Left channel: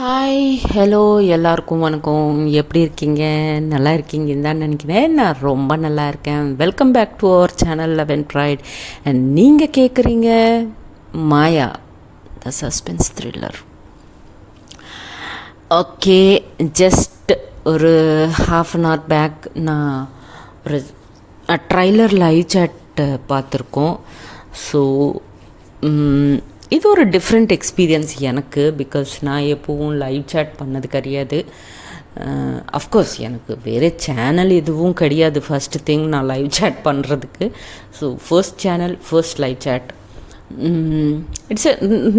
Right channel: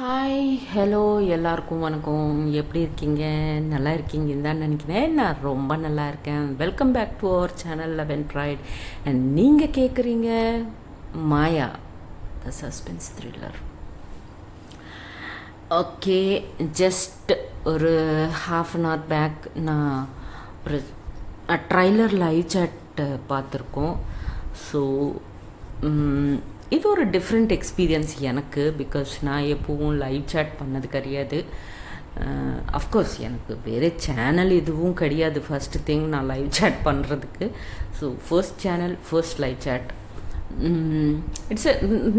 Hi hello எல்லாருக்கும் வணக்கம். எப்படி இருக்கீங்க? நல்லா இருக்கீங்கன்னு தான் நினைக்கிறேன். நான் ரொம்ப நல்லா இருக்கேன். Welcome back to our channel eleven bright. And நீங்கள் கேட்குறீங்க Maya the suspense thriller. Okay, just ஒரு ஹாஃப் அன் ஹவர் பேக் நான் ஒரு ட்ரைலர் லைவ் சாட் பார்த்துருக்கோம். ஸோ இது ஒரு டிஃப்ரெண்ட் எக்ஸ்பீரியன்ஸ் எனக்கு. பிகாஸ் நான் எப்போவும் லைவ் சேட் பண்ணது கிடையாது. அஃப்கோர்ஸ் எனக்கு வேறு சேனல் எதுவும் கிடையாது ஃபஸ்ட்டு திங் நான் லைவ் சேட் பண்ணுறதுக்கு. So first channel, first live chat. It's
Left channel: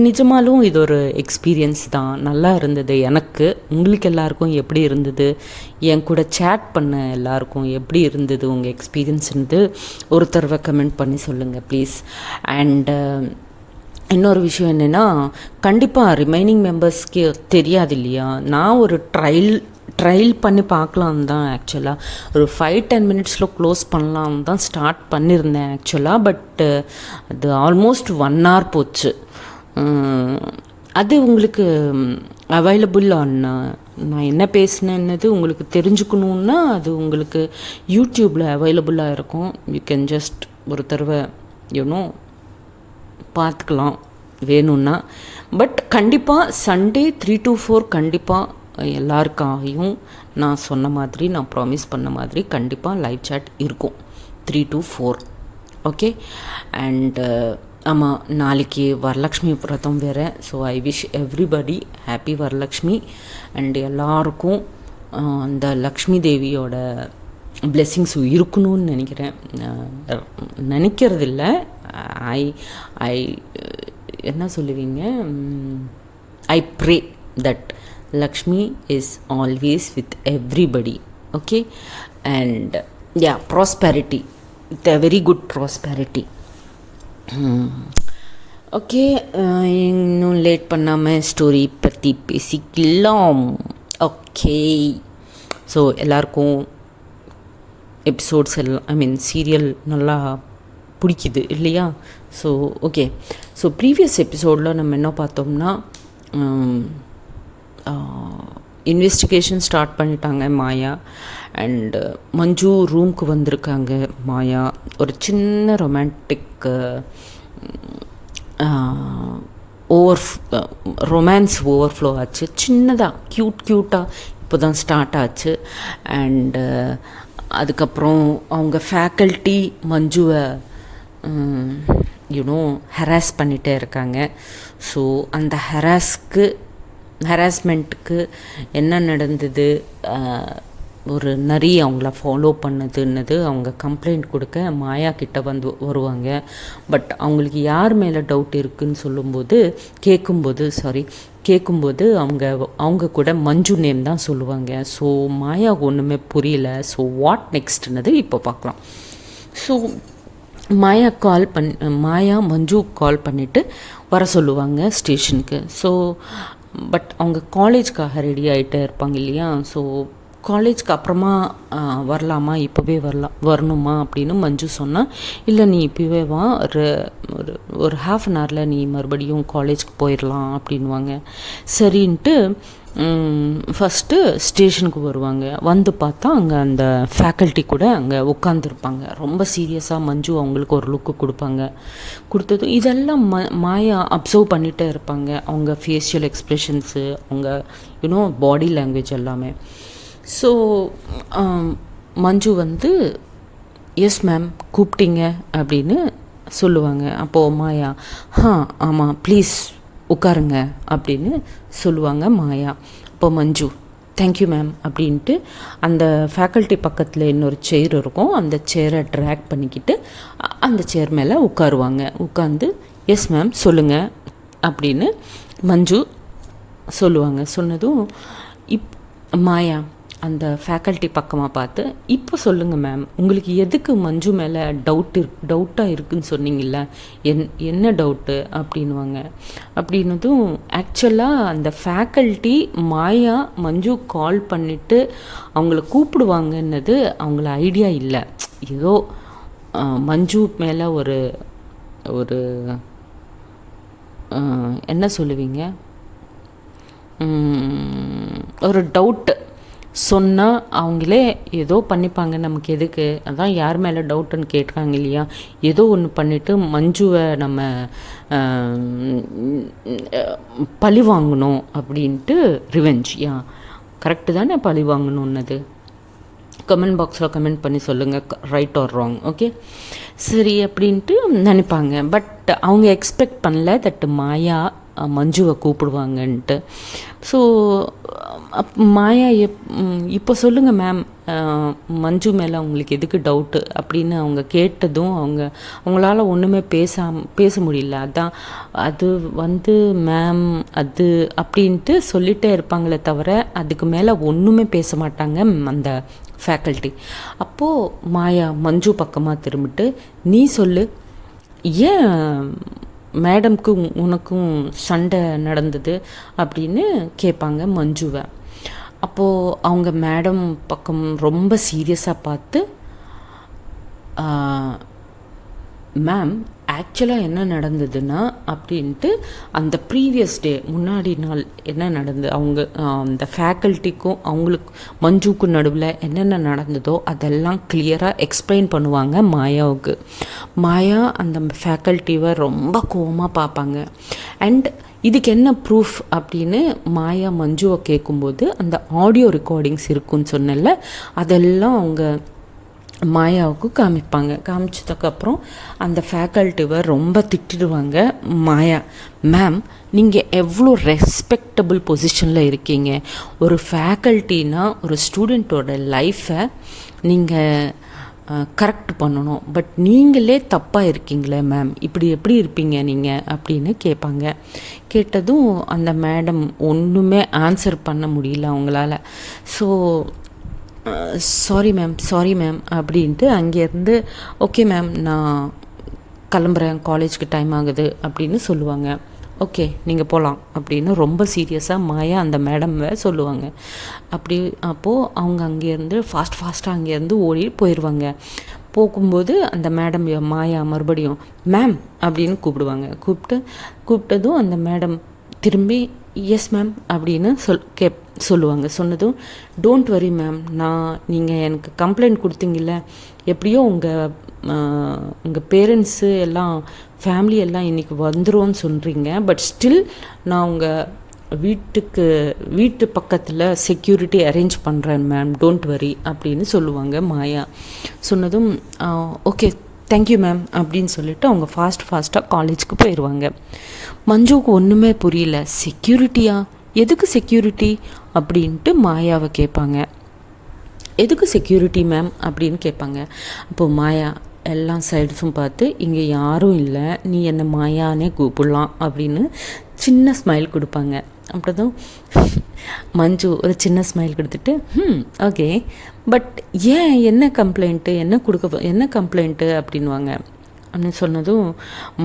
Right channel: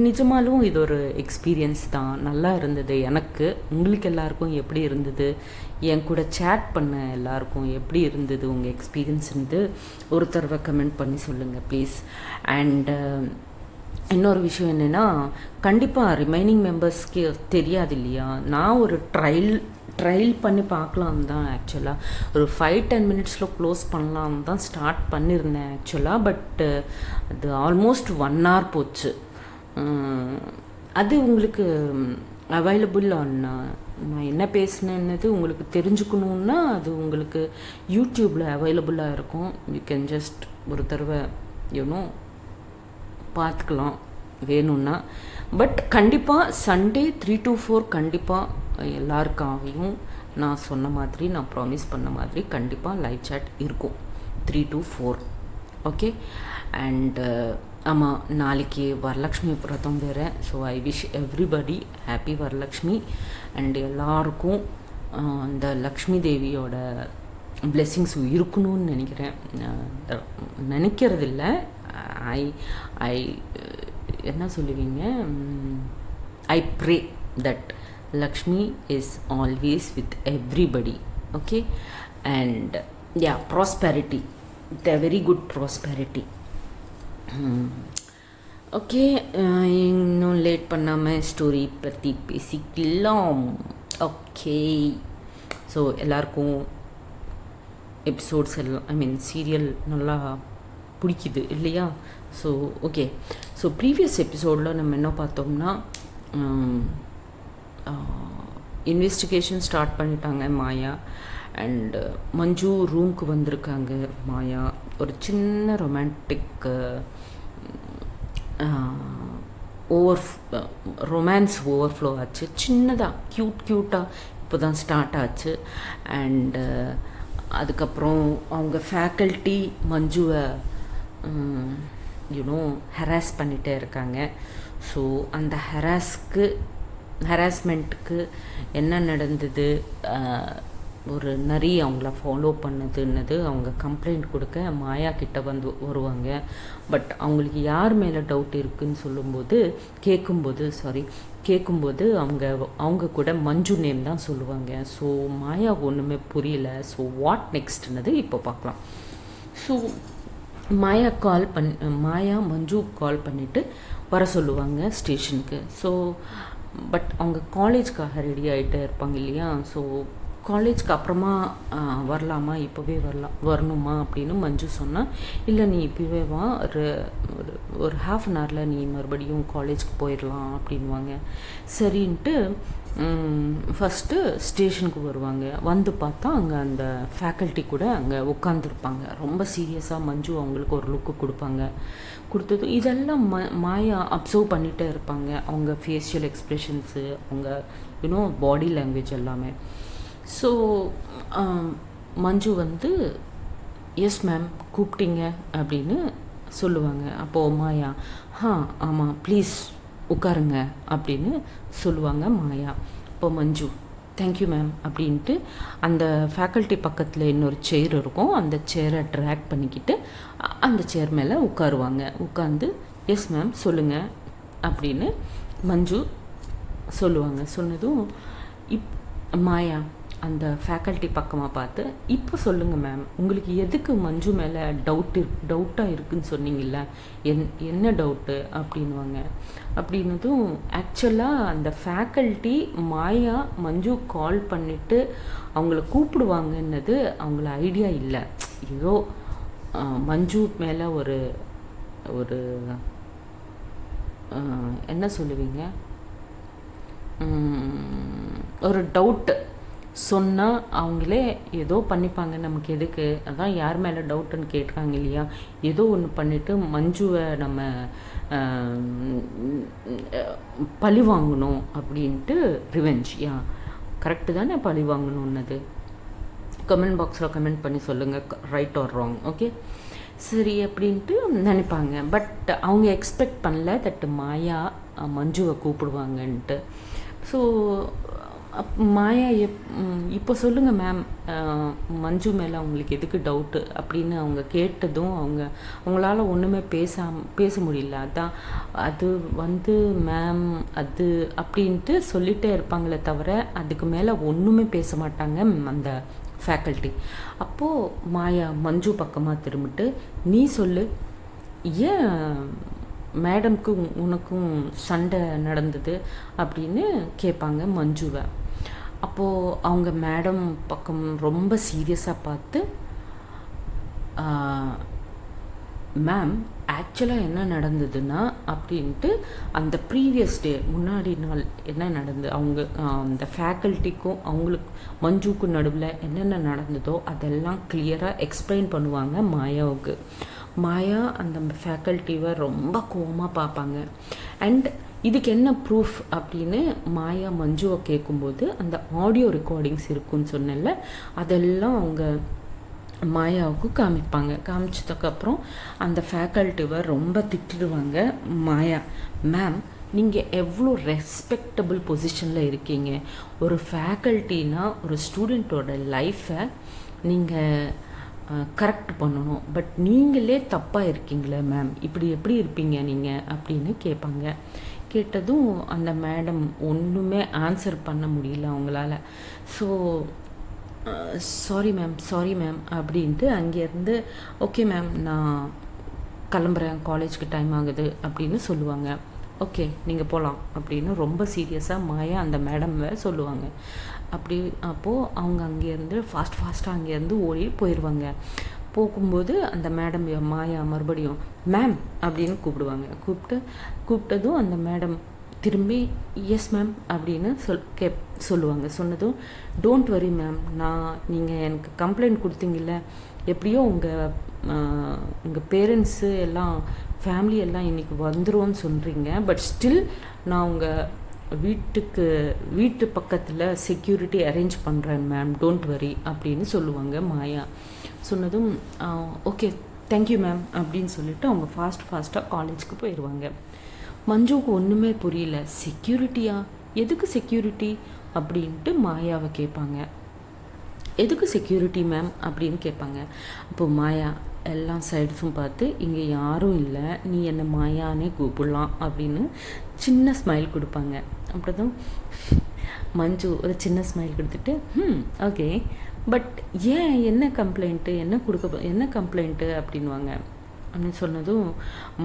நிஜமாலும் இது ஒரு எக்ஸ்பீரியன்ஸ் தான். நல்லா இருந்தது எனக்கு. உங்களுக்கு எல்லாருக்கும் எப்படி இருந்தது? என் கூட சேட் பண்ண எல்லாருக்கும் எப்படி இருந்தது உங்கள் எக்ஸ்பீரியன்ஸ்ன்றது ஒரு தடவை கமெண்ட் பண்ணி சொல்லுங்கள் ப்ளீஸ். அண்டு இன்னொரு விஷயம் என்னென்னா, கண்டிப்பாக ரிமைனிங் மெம்பர்ஸ்க்கு தெரியாது இல்லையா. நான் ஒரு ட்ரையல் பண்ணி பார்க்கலாம் தான் ஆக்சுவலாக. ஒரு 5-10 மினிட்ஸில் க்ளோஸ் பண்ணலாம் தான் ஸ்டார்ட் பண்ணியிருந்தேன் ஆக்சுவலாக. பட் அது ஆல்மோஸ்ட் 1 hour போச்சு. அது உங்களுக்கு அவைலபிள் ஆன் நான் என்ன பேசினேன்னது உங்களுக்கு தெரிஞ்சுக்கணுன்னா அது உங்களுக்கு யூடியூப்பில் அவைலபிளாக இருக்கும். யூ கேன் ஜஸ்ட் ஒரு தடவை யூனோ பார்த்துக்கலாம் வேணும்னா. பட் கண்டிப்பாக சண்டே 3 to 4 கண்டிப்பாக எல்லாருக்காகவும் நான் சொன்ன மாதிரி, நான் ப்ராமிஸ் பண்ண மாதிரி கண்டிப்பாக லைவ் சேட் இருக்கும் 3 to 4. ஓகே. அண்டு ஆமாம், நாளைக்கு வரலக்ஷ்மி விரதம் வேறு. So I wish everybody happy Varalakshmi. And எல்லாருக்கும் அந்த லக்ஷ்மி தேவியோட பிளெஸ்ஸிங்ஸ் இருக்கணும்னு நினைக்கிறதில்ல. ஐ ஐ என்ன சொல்லுவீங்க, I pray that Lakshmi is always with everybody. Okay. And yeah, prosperity, with a very good prosperity. Okay, இன்னும் லேட் பண்ணாமல் ஸ்டோரி பற்றி பேசிக்கலாம். ஓகே. ஸோ எல்லாருக்கும் எபிசோட்ஸ் எல்லாம் சீரியல் நல்லா பிடிக்குது இல்லையா? So okay. ஸோ ப்ரீவியஸ் எபிசோடில் நம்ம என்ன பார்த்தோம்னா, இன்வெஸ்டிகேஷன் ஸ்டார்ட் பண்ணிட்டாங்க மாயா. அண்டு மஞ்சு ரூம்க்கு வந்திருக்காங்க மாயா. ஒரு சின்ன ரொமான்டிக் ரொமான்ஸ் ஓவர்ஃப்ளோ ஆச்சு. சின்னதாக க்யூட்டாக இப்போ தான் ஸ்டார்ட் ஆச்சு. அண்டு அதுக்கப்புறம் அவங்க ஃபேக்கல்ட்டி மஞ்சுவை யூனோ ஹராஸ் பண்ணிகிட்டே இருக்காங்க. ஸோ அந்த ஹராஸ்மெண்ட்டுக்கு என்ன நடந்தது, ஒரு நரி அவங்கள ஃபாலோ பண்ணுதுன்னது அவங்க கம்ப்ளைண்ட் கொடுக்க மாயா கிட்ட வருவாங்க. பட் அவங்களுக்கு யார் மேலே டவுட் இருக்குதுன்னு கேட்கும்போது அவங்க கூட மஞ்சு நேம் தான் சொல்லுவாங்க. ஸோ மாயா ஒன்றுமே புரியல. ஸோ வாட் நெக்ஸ்ட்னது இப்போ பார்க்கலாம். ஸோ மாயா மஞ்சு கால் பண்ணிவிட்டு வர சொல்லுவாங்க ஸ்டேஷனுக்கு. ஸோ பட் அவங்க காலேஜ்க்காக ரெடி ஆகிட்டே இருப்பாங்க இல்லையா. ஸோ காலேஜ்க்கு அப்புறமா வரலாமா, இப்போவே வரணுமா அப்படின்னு மஞ்சு சொன்னால், இல்லை நீ இப்போவே வா, ஒரு ஹாஃப் அன் ஹவரில் நீ மறுபடியும் காலேஜ்க்கு போயிடலாம் அப்படின்வாங்க. சரின்ட்டு ஃபஸ்ட்டு ஸ்டேஷனுக்கு வருவாங்க. வந்து பார்த்தா அங்கே அந்த ஃபேக்கல்ட்டி கூட அங்கே உட்காந்துருப்பாங்க. ரொம்ப சீரியஸாக மஞ்சு அவங்களுக்கு ஒரு லுக்கு கொடுத்தது இதெல்லாம் மாயா அப்சர்வ் பண்ணிகிட்டே இருப்பாங்க. அவங்க ஃபேஷியல் எக்ஸ்ப்ரெஷன்ஸு, அவங்க யூனோ பாடி லாங்குவேஜ் எல்லாமே. ஸோ மஞ்சு வந்து எஸ் மேம் கூப்பிட்டீங்க அப்படின்னு சொல்லுவாங்க. அப்போது மாயா ஆமாம் ப்ளீஸ் உட்காருங்க அப்படின்னு சொல்லுவாங்க மாயா. இப்போ மஞ்சு தேங்க்யூ மேம் அப்படின்ட்டு அந்த ஃபேக்கல்ட்டி பக்கத்தில் இன்னொரு சேர் இருக்கும். அந்த சேரை ட்ராக் பண்ணிக்கிட்டு அந்த சேர் மேலே உட்காருவாங்க. உட்காந்து எஸ் மேம் சொல்லுங்கள் அப்படின்னு மஞ்சு சொல்லுவாங்க. சொன்னதும் மாயா அந்த ஃபேக்கல்ட்டி பக்கமாக பார்த்து, இப்போ சொல்லுங்கள் மேம், உங்களுக்கு எதுக்கு மஞ்சு மேலே டவுட்டாக இருக்குதுன்னு சொன்னீங்கல்ல, என்ன டவுட்டு அப்படின்வாங்க. அப்படின்னதும் ஆக்சுவலாக அந்த ஃபேக்கல்ட்டி மாயா மஞ்சு கால் பண்ணிவிட்டு அவங்கள கூப்பிடுவாங்கன்னது அவங்கள ஐடியா இல்லை. ஏதோ மஞ்சு மேலே ஒரு என்ன சொல்லுவீங்க, ஒரு டவுட்டு சொன்னால் அவங்களே ஏதோ பண்ணிப்பாங்க, நமக்கு எதுக்கு, அதான் யார் மேலே டவுட்டுன்னு கேட்குறாங்க இல்லையா. ஏதோ ஒன்று பண்ணிவிட்டு மஞ்சுவை நம்ம பழி வாங்கணும் அப்படின்ட்டு ரிவெஞ்ச். கரெக்டு தானே பழி வாங்கணுன்னது? கமெண்ட் பாக்ஸில் கமெண்ட் பண்ணி சொல்லுங்கள், ரைட் ஆர் ராங். ஓகே, சரி அப்படின்ட்டு நினைப்பாங்க. பட் அவங்க எக்ஸ்பெக்ட் பண்ணல தட் மாயா மஞ்சுவை கூப்பிடுவாங்கன்ட்டு. ஸோ மாயா இப்போ சொல்லுங்கள் மேம், மஞ்சு மேலே அவங்களுக்கு எதுக்கு டவுட்டு அப்படின்னு அவங்க கேட்டதும் அவங்களால ஒன்றுமே பேச முடியல. அதான் அது மேம் அது அப்படின்ட்டு சொல்லிகிட்டே இருப்பாங்களே தவிர அதுக்கு மேலே ஒன்றுமே பேச மாட்டாங்க அந்த ஃபேக்கல்ட்டி. அப்போது மாயா மஞ்சு பக்கமாக திரும்பிட்டு, நீ சொல்லு, ஏன் மேடம்க்கு உனக்கும் சண்டை நடந்தது அப்படின்னு கேட்பாங்க மஞ்சுவை. அப்போது அவங்க மேடம் பக்கம் ரொம்ப சீரியஸாக பார்த்து, மேம் ஆக்சுவலாக என்ன நடந்ததுன்னா அப்படின்ட்டு அந்த ப்ரீவியஸ் டே முன்னாடி நாள் என்ன நடந்தது, அவங்க அந்த ஃபேக்கல்ட்டிக்கும் அவங்களுக்கு மஞ்சுக்கும் நடுவில் என்னென்ன நடந்ததோ அதெல்லாம் கிளியராக எக்ஸ்பிளைன் பண்ணுவாங்க மாயாவுக்கு. மாயா அந்த ஃபேக்கல்ட்டிவை ரொம்ப கோவமாக பார்ப்பாங்க. அண்ட் இதுக்கு என்ன ப்ரூஃப் அப்படின்னு மாயா மஞ்சுவை கேட்கும்போது அந்த ஆடியோ ரெக்கார்டிங்ஸ் இருக்குன்னு சொன்னல, அதெல்லாம் அவங்க மாயாவுக்கு காமிப்பாங்க. காமிச்சதுக்கப்புறம் அந்த ஃபேக்கல்ட்டிவை ரொம்ப திட்டிடுவாங்க மாயா. மேம், நீங்கள் எவ்வளோ ரெஸ்பெக்டபுள் பொசிஷனில் இருக்கீங்க, ஒரு ஃபேக்கல்ட்டினா ஒரு ஸ்டூடெண்ட்டோட லைஃப்பை நீங்கள் கரெக்ட் பண்ணணும், பட் நீங்களே தப்பாக இருக்கீங்களே மேம், இப்படி எப்படி இருப்பீங்க நீங்கள் அப்படின்னு கேட்பாங்க. கேட்டதும் அந்த மேடம் ஒன்றுமே ஆன்சர் பண்ண முடியல அவங்களால. ஸோ சாரி மேம் அப்படின்ட்டு அங்கேருந்து, ஓகே மேம் நான் கிளம்புறேன், காலேஜுக்கு டைம் ஆகுது அப்படின்னு சொல்லுவாங்க. ஓகே நீங்கள் போகலாம் அப்படின்னு ரொம்ப சீரியஸாக மாயா அந்த மேடம்வை சொல்லுவாங்க. அப்போது அவங்க அங்கேருந்து ஃபாஸ்ட்டாக அங்கேருந்து ஓடி போயிடுவாங்க. போகும்போது அந்த மேடம் மாயா மறுபடியும் மேம் அப்படின்னு கூப்பிடுவாங்க. கூப்பிட்டதும் அந்த மேடம் திரும்பி எஸ் மேம் அப்படின்னு சொல்லுவாங்க. சொன்னதும், டோன்ட் வரி மேம், நீங்கள் எனக்கு கம்ப்ளைண்ட் கொடுத்தீங்கல்ல, எப்படியோ உங்கள் பேரண்ட்ஸு எல்லாம் ஃபேமிலி எல்லாம் இன்றைக்கி வந்துடும்னு சொல்கிறீங்க, பட் ஸ்டில் நான் உங்கள் வீட்டு பக்கத்தில் செக்யூரிட்டி அரேஞ்ச் பண்ணுறேன் மேம், டோன்ட் வரி அப்படின்னு சொல்லுவாங்க மாயா. சொன்னதும் ஓகே தேங்க்யூ மேம் அப்படின்னு சொல்லிவிட்டு அவங்க ஃபாஸ்ட்டாக காலேஜுக்கு போயிடுவாங்க. மஞ்சுவுக்கு ஒன்றுமே புரியல. செக்யூரிட்டியா, எதுக்கு செக்யூரிட்டி அப்படின்ட்டு மாயாவை கேட்பாங்க. எதுக்கு செக்யூரிட்டி மேம் அப்படின்னு கேட்பாங்க. அப்போது மாயா எல்லா சைட்ஸும் பார்த்து, இங்கே யாரும் இல்லை, நீ என்னை மாயானே கூப்பிடலாம் அப்படின்னு சின்ன ஸ்மைல் கொடுப்பாங்க. அப்படிதான் மஞ்சு ஒரு சின்ன ஸ்மைல் கொடுத்துட்டு ஓகே, பட் ஏன் என்ன கம்ப்ளைண்ட்டு அப்படின்வாங்க. அப்படின்னு சொன்னதும்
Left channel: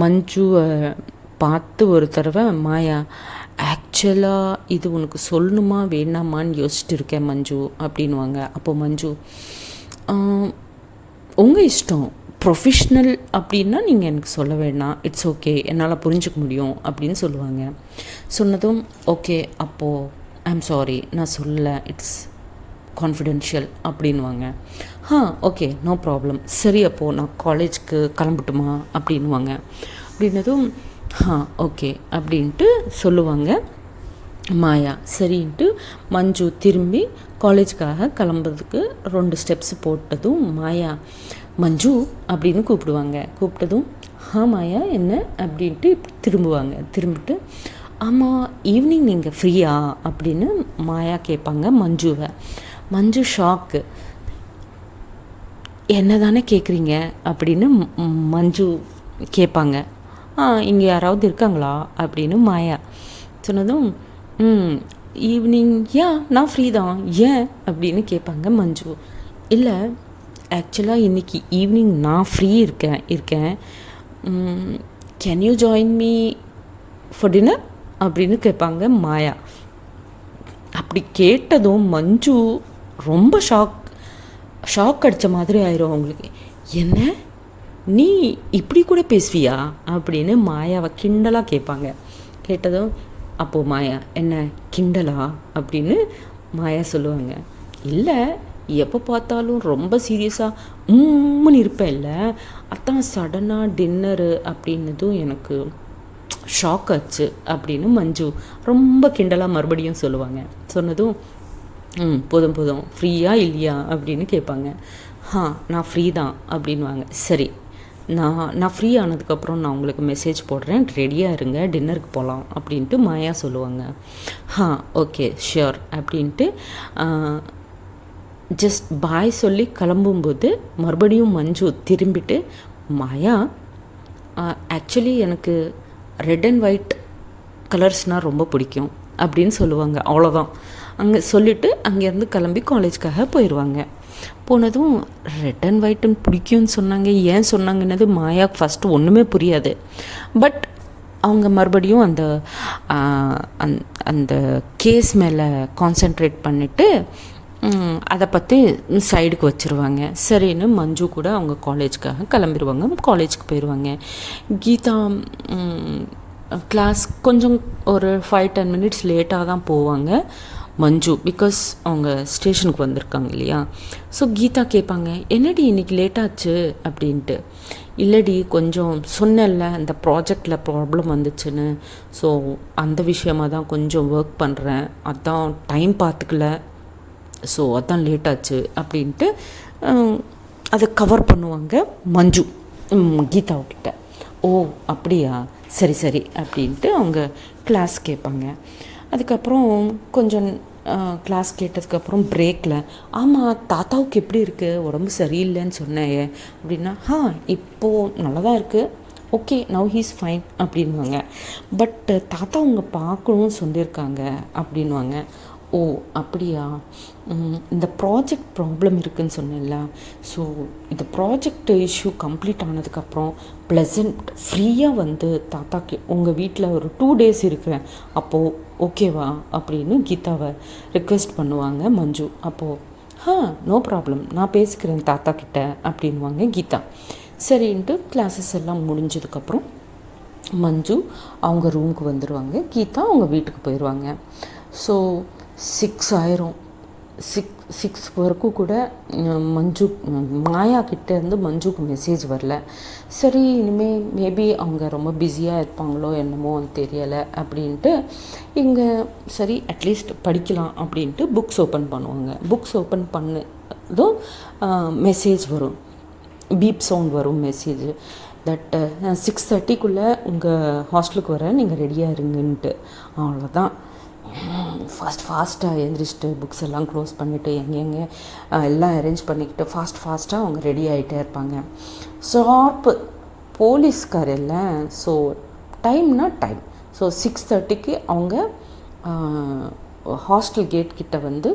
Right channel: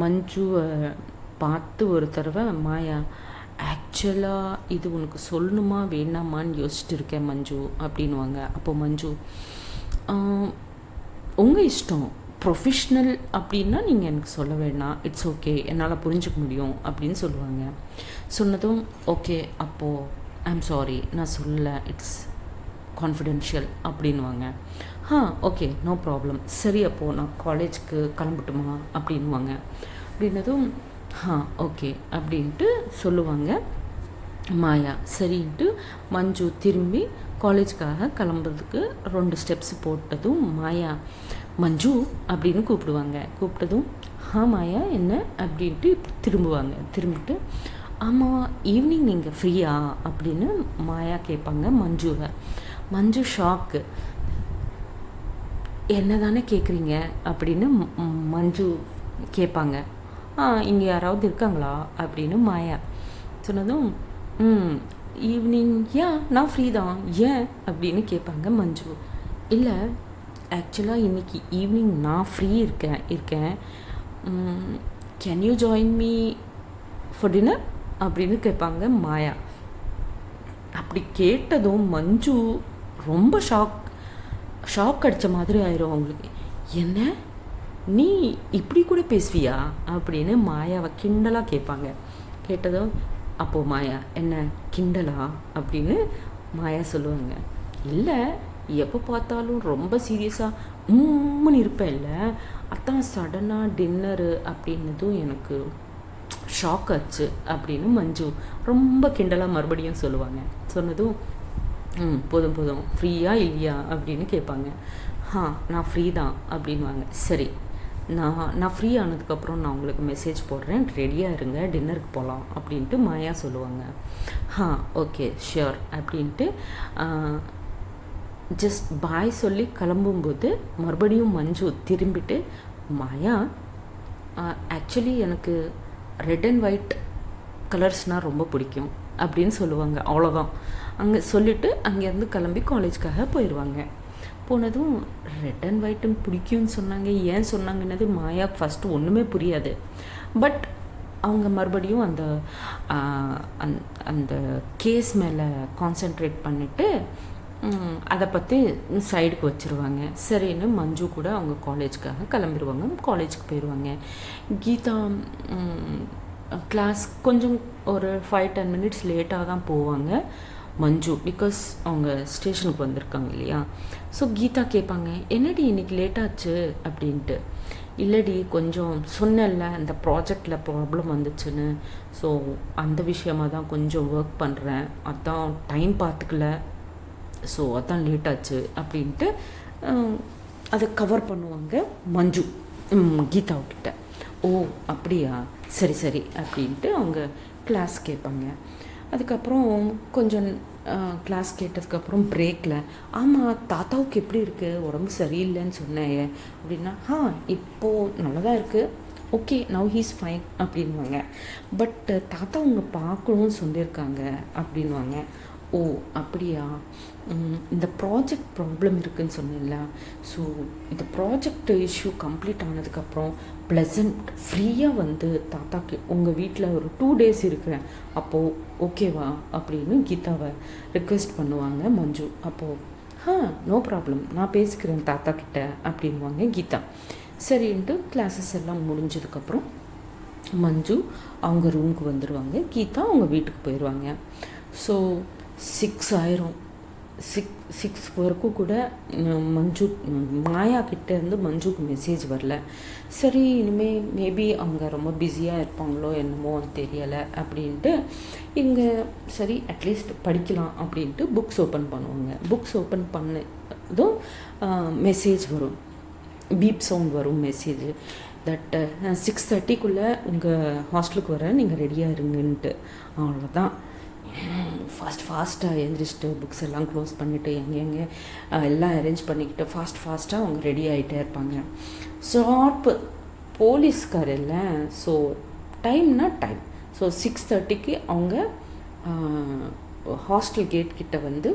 மஞ்சுவை பார்த்து ஒரு தடவை மாயா, ஆக்சுவலாக இது உனக்கு சொல்லணுமா வேணாமான்னு யோசிச்சுட்டு இருக்கேன் மஞ்சு அப்படின்வாங்க. அப்போது மஞ்சு, உங்கள் இஷ்டம், ப்ரொஃபஷ்னல் அப்படின்னா நீங்கள் எனக்கு சொல்ல வேண்டாம், இட்ஸ் ஓகே, என்னால் புரிஞ்சுக்க முடியும் அப்படின்னு சொல்லுவாங்க. சொன்னதும் ஓகே, அப்போது ஐ எம் சாரி, நான் சொல்லலை, இட்ஸ் கான்ஃபிடென்ஷியல் அப்படின்வாங்க. ஓகே நோ ப்ராப்ளம், சரி அப்போது நான் காலேஜுக்கு கிளம்பட்டுமா அப்படின்வாங்க. அப்படின்னதும் ஓகே அப்படின்ட்டு சொல்லுவாங்க மாயா. சரின்ட்டு மஞ்சு திரும்பி காலேஜுக்காக கிளம்புறதுக்கு 2 ஸ்டெப்ஸ் போட்டதும் மாயா மஞ்சு அப்படின்னு கூப்பிட்டதும் மாயா என்ன அப்படின்ட்டு திரும்பிட்டு ஆமாம் ஈவினிங் நீங்கள் ஃப்ரீயா அப்படின்னு மாயா கேட்பாங்க மஞ்சுவை. மஞ்சு ஷாக்கு, என்ன தானே கேட்குறீங்க அப்படின்னு மஞ்சு கேட்பாங்க. இங்கே யாராவது இருக்காங்களா அப்படின்னு மாயா சொன்னதும் ஈவினிங் நான் ஃப்ரீ தான், ஏன் அப்படின்னு கேட்பாங்க மஞ்சு. இல்லை ஆக்சுவலாக இன்றைக்கி ஈவினிங் நான் ஃப்ரீ இருக்கேன் can you join me for dinner அப்படின்னு கேட்பாங்க மாயா. அப்படி கேட்டதும் மஞ்சு ரொம்ப ஷாக் அடித்த மாதிரி ஆயிரும் அவங்களுக்கு. என்ன, நீ இப்படி கூட பேசுவியா அப்படின்னு மாயாவை கிண்டலாக கேட்பாங்க. கேட்டதும் அப்போது மாயா, என்ன கிண்டலா அப்படின்னு மாயா சொல்லுவாங்க, இல்லை எப்போ பார்த்தாலும் ரொம்ப சீரியஸாக உம்முன்னு இருப்பேன் இல்லை, அதான் சடனாக டின்னரு அப்படின்னதும் எனக்கு ஷாக் ஆச்சு அப்படின்னு மஞ்சு ரொம்ப கிண்டலாக மறுபடியும் சொல்லுவாங்க. சொன்னதும் போதும் போதும் ஃப்ரீயாக இல்லையா அப்படின்னு கேட்பாங்க. நான் ஃப்ரீ தான் அப்படின்வாங்க. சரி, நான் ஃப்ரீ ஆனதுக்கப்புறம் நான் உங்களுக்கு மெசேஜ் போடுறேன், ரெடியாக இருங்க, டின்னருக்கு போகலாம் அப்படின்ட்டு மாயா சொல்லுவாங்க. ஓகே ஷியோர் அப்படின்ட்டு ஜஸ்ட் பாய் சொல்லி கிளம்பும்போது மறுபடியும் மஞ்சு திரும்பிட்டு, மாயா ஆக்சுவலி எனக்கு ரெட் அண்ட் ஒயிட் கலர்ஸ்னால் ரொம்ப பிடிக்கும் அப்படின்னு சொல்லுவாங்க. அவ்வளோதான். அங்கே சொல்லிவிட்டு அங்கேருந்து கிளம்பி காலேஜ்க்காக போயிடுவாங்க. போனதும் ரெட் அண்ட் ஒயிட்டுன்னு பிடிக்கும்னு சொன்னாங்க, ஏன் சொன்னாங்கன்னது மாயாவுக்கு ஃபஸ்ட்டு ஒன்றுமே புரியாது. பட் அவங்க மறுபடியும் அந்த அந்த கேஸ் மேலே கான்சென்ட்ரேட் பண்ணிவிட்டு அதை பற்றி சைடுக்கு வச்சுருவாங்க. சரின்னு மஞ்சு கூட அவங்க காலேஜ்க்காக கிளம்பிடுவாங்க, காலேஜுக்கு போயிடுவாங்க. கீதா கிளாஸ் கொஞ்சம் ஒரு 5-10 மினிட்ஸ் லேட்டாக தான் போவாங்க மஞ்சு, பிகாஸ் அவங்க ஸ்டேஷனுக்கு வந்திருக்காங்க இல்லையா. ஸோ கீதா கேட்பாங்க, என்னடி இன்றைக்கி லேட்டாச்சு அப்படின்ட்டு. இல்லடி கொஞ்சம் சொன்னல அந்த ப்ராஜெக்டில் ப்ராப்ளம் வந்துச்சுன்னு, ஸோ அந்த விஷயமாக தான் கொஞ்சம் ஒர்க் பண்ணுறேன், அதான் டைம் பார்த்துக்கல, ஸோ அதான் லேட்டாச்சு அப்படின்ட்டு அதை கவர் பண்ணுவாங்க மஞ்சு கீதாவுக்கிட்ட. ஓ அப்படியா, சரி சரி அப்படின்ட்டு அவங்க கிளாஸ் கேட்பாங்க. அதுக்கப்புறம் கொஞ்சம் கிளாஸ் கேட்டதுக்கப்புறம் பிரேக்கில், ஆமாம் தாத்தாவுக்கு எப்படி இருக்குது, உடம்பு சரியில்லைன்னு சொன்னேன் அப்படின்னா, இப்போது நல்லா தான் இருக்குது, ஓகே நவ் ஹீஸ் ஃபைன் அப்படின்வாங்க. பட் தாத்தா அவங்க பார்க்கணும்னு சொல்லியிருக்காங்க அப்படின்வாங்க. ஓ அப்படியா, இந்த ப்ராஜெக்ட் ப்ராப்ளம் இருக்குதுன்னு சொன்னேன்ல, ஸோ இந்த ப்ராஜெக்ட் இஷ்யூ கம்ப்ளீட் ஆனதுக்கப்புறம் ப்ளசண்ட் ஃப்ரீயாக வந்து தாத்தாக்கு உங்கள் வீட்டில் ஒரு 2 days இருக்கிறேன், அப்போது ஓகேவா அப்படின்னு கீதாவை ரிக்வெஸ்ட் பண்ணுவாங்க மஞ்சு. அப்போது நோ ப்ராப்ளம், நான் பேசிக்கிறேன் தாத்தா கிட்ட அப்படின்வாங்க கீதா. சரின்ட்டு கிளாஸஸ் எல்லாம் முடிஞ்சதுக்கப்புறம் மஞ்சு அவங்க ரூமுக்கு வந்துடுவாங்க, கீதா அவங்க வீட்டுக்கு போயிடுவாங்க. ஸோ 6 ஆயிரும். 6 வரைக்கும் கூட மஞ்சு மாயா கிட்டேருந்து மஞ்சுக்கு மெசேஜ் வரல. சரி இனிமேல் மேபி அவங்க ரொம்ப பிஸியாக இருப்பாங்களோ என்னமோ தெரியலை அப்படின்ட்டு இங்கே சரி அட்லீஸ்ட் படிக்கலாம் அப்படின்ட்டு புக்ஸ் ஓப்பன் பண்ணுவாங்க. புக்ஸ் ஓப்பன் பண்ணதும் மெசேஜ் வரும், பீப் சவுண்ட் வரும் மெசேஜ், தட் 6:30 உங்கள் ஹாஸ்டலுக்கு வர நீங்கள் ரெடியாக இருங்கன்ட்டு. அவ்வளோதான். ஃபாஸ்ட்டாக எழுந்திரிச்சிட்டு புக்ஸ் எல்லாம் க்ளோஸ் பண்ணிவிட்டு எங்கெங்கே எல்லாம் அரேஞ்ச் பண்ணிக்கிட்டு ஃபாஸ்ட்டாக அவங்க ரெடி ஆகிட்டே இருப்பாங்க. ஷார்ப்பு போலீஸ்கார் இல்லை, ஸோ டைம்னா டைம். ஸோ 6:30 அவங்க ஹாஸ்டல் கேட் கிட்ட வந்து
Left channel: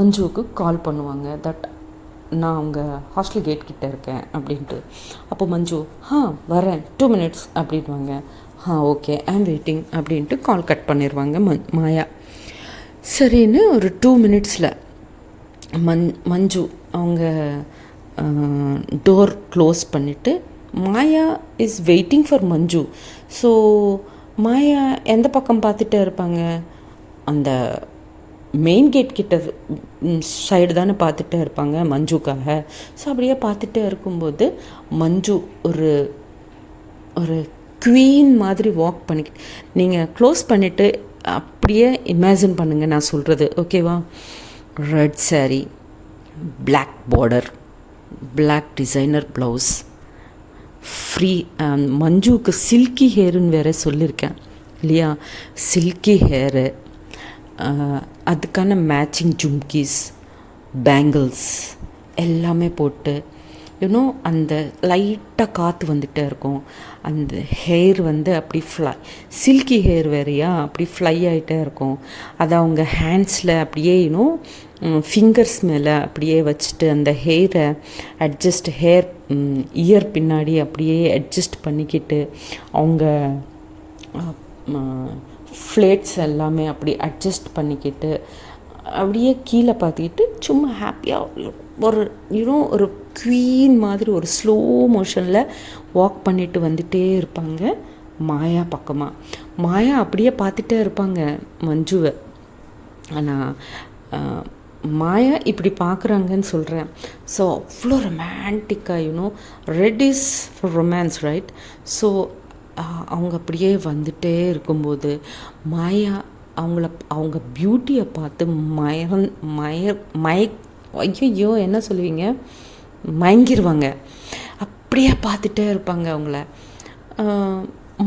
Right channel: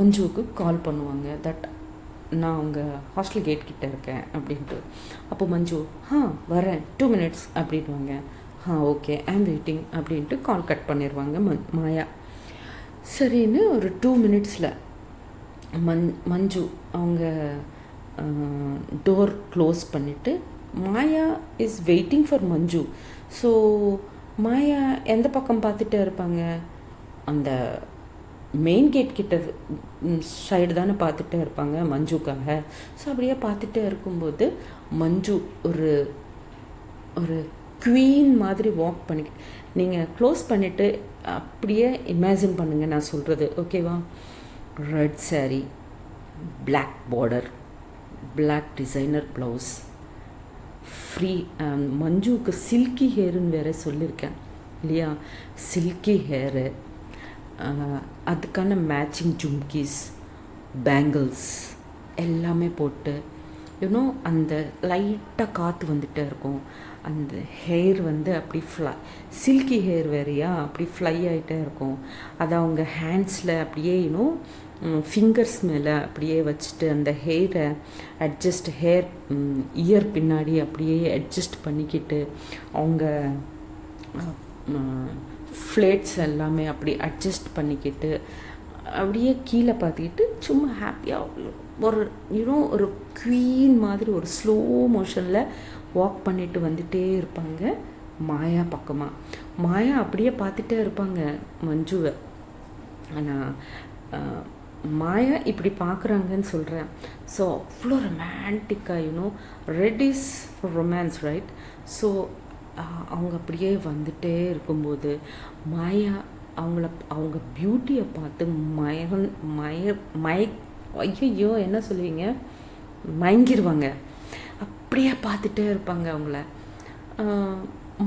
மஞ்சுவுக்கு கால் பண்ணுவாங்க, தட் நான் அவங்க ஹாஸ்டல் கேட் கிட்ட இருக்கேன் அப்படின்ட்டு. அப்போ மஞ்சு வரேன் 2 minutes அப்படின்வாங்க. ஓகே ஐம் வெயிட்டிங் அப்படின்ட்டு கால் கட் பண்ணிடுவாங்க மாயா. சரின்னு ஒரு 2 minutesல மஞ்சு அவங்க டோர் க்ளோஸ் பண்ணிவிட்டு Maya is waiting for Manju. So Maya எந்த பக்கம் பார்த்துட்டே இருப்பாங்க, அந்த மெயின் கேட் கிட்ட சைடு தானே பார்த்துட்டே இருப்பாங்க மஞ்சுக்காக. ஸோ அப்படியே பார்த்துட்டே இருக்கும்போது மஞ்சு ஒரு ஒரு குவீன் மாதிரி வாக் பண்ணிக்கிட்டு, நீங்கள் க்ளோஸ் பண்ணிவிட்டு அப்படியே இமேஜின் பண்ணுங்கள் நான் சொல்கிறது, ஓகேவா. Red saree, black border, black designer blouse, free. மஞ்சுவுக்கு சில்கி ஹேருன்னு வேறு சொல்லியிருக்கேன் இல்லையா, சில்கி ஹேரு, அதுக்கான மேட்சிங் ஜும்கீஸ், பேங்கிள்ஸ் எல்லாமே போட்டு இன்னும் அந்த லைட்டாக காற்று வந்துகிட்டே இருக்கும், அந்த ஹேர் வந்து அப்படி சில்கி ஹேர் வேறையா அப்படி ஃப்ளை ஆகிட்டே இருக்கும். அதை அவங்க ஹேண்ட்ஸில் அப்படியே ஃபிங்கர்ஸ் மேலே அப்படியே வச்சுட்டு அந்த ஹேரை ஹேர் இயர் பின்னாடி அப்படியே அட்ஜஸ்ட் பண்ணிக்கிட்டு அவங்க ஃப்ளேட்ஸ் எல்லாமே அப்படி அட்ஜஸ்ட் பண்ணிக்கிட்டு அப்படியே கீழே பார்த்துக்கிட்டு சும்மா ஹாப்பியாக ஒரு குவீன் மாதிரி ஒரு ஸ்லோ மோஷனில் வாக் பண்ணிட்டு வந்துகிட்டே இருப்பாங்க மாயா பக்கமாக. மாயா அப்படியே பார்த்துட்டே இருப்பாங்க மஞ்சுவை. ஆனால் மாயா இப்படி பார்க்குறாங்கன்னு சொல்கிறேன். ஸோ அவ்வளோ ரொமான்டிக்காக red is for romance right. So அவங்க அப்படியே வந்துட்டே இருக்கும்போது மாயா அவங்க பியூட்டியை பார்த்து ஐயோ என்ன சொல்லுவீங்க, மயங்கிடுவாங்க. அப்படியே பார்த்துட்டே இருப்பாங்க அவங்கள.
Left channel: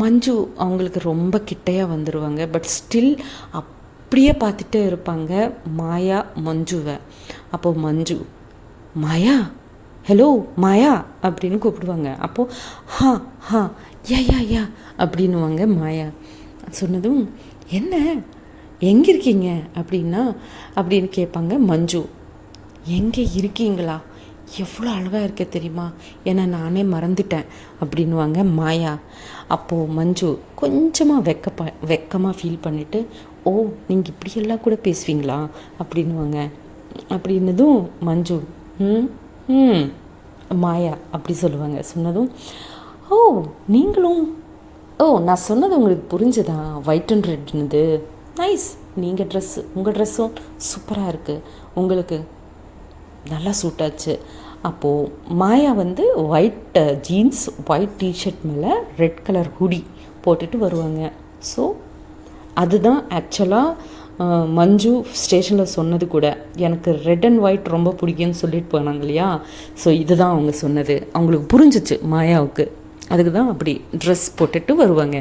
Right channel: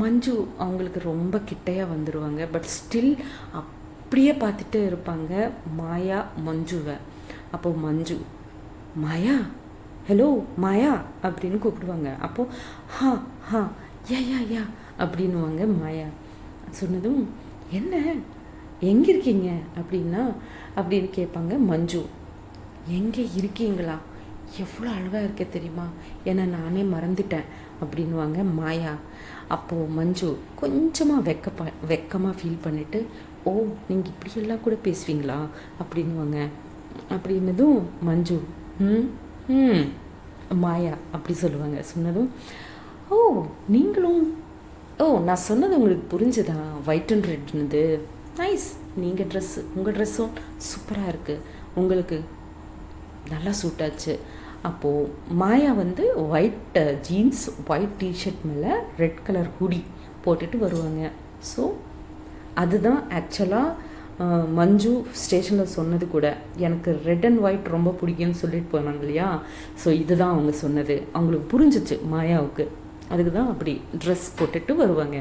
மஞ்சு அவங்களுக்கு ரொம்ப கிட்டையாக வந்துடுவாங்க. பட் ஸ்டில் அப்படியே பார்த்துட்டே இருப்பாங்க மாயா மஞ்சுவை. அப்போது மஞ்சு மாயா, ஹலோ மாயா அப்படின்னு கூப்பிடுவாங்க. அப்போது ஹா ஹா யா அப்படின்னுவாங்க மாயா. சொன்னதும் என்ன எங்கே இருக்கீங்க அப்படின்னு கேட்பாங்க மஞ்சு. எங்கே இருக்கீங்களா, எவ்வளோ அழகாக இருக்க தெரியுமா, ஏன்னா நானே மறந்துட்டேன் அப்படின்வாங்க மாயா. அப்போது மஞ்சு கொஞ்சமாக வெக்கமாக ஃபீல் பண்ணிவிட்டு, ஓ நீங்கள் இப்படியெல்லாம் கூட பேசுவீங்களா அப்படின்வாங்க. அப்படின்னதும் மஞ்சு மாயா அப்படி சொல்லுவாங்க. சொன்னதும் ஓ நீங்களும், ஓ நான் சொன்னது உங்களுக்கு புரிஞ்சுதா, ஒயிட் அண்ட் ரெட்னுது, நைஸ், நீங்கள் உங்கள் ட்ரெஸ்ஸும் சூப்பராக இருக்குது, உங்களுக்கு நல்லா சூட் ஆச்சு. அப்போது மாயா ஒயிட் ஜீன்ஸ், ஒயிட் டிஷர்ட் மேலே ரெட் கலர் ஹுடி போட்டுட்டு வருவாங்க. ஸோ அதுதான் ஆக்சுவலாக மஞ்சு ஸ்டேஷனில் சொன்னது கூட. எனக்கு ரெட் அண்ட் ஒயிட் ரொம்ப பிடிக்கும்னு சொல்லிட்டு போனாங்க இல்லையா. ஸோ இதுதான் அவங்க சொன்னது. அவங்களுக்கு புரிஞ்சிச்சு மாயாவுக்கு. அதுக்கு தான் அப்படி ட்ரெஸ் போட்டுட்டு வருவாங்க.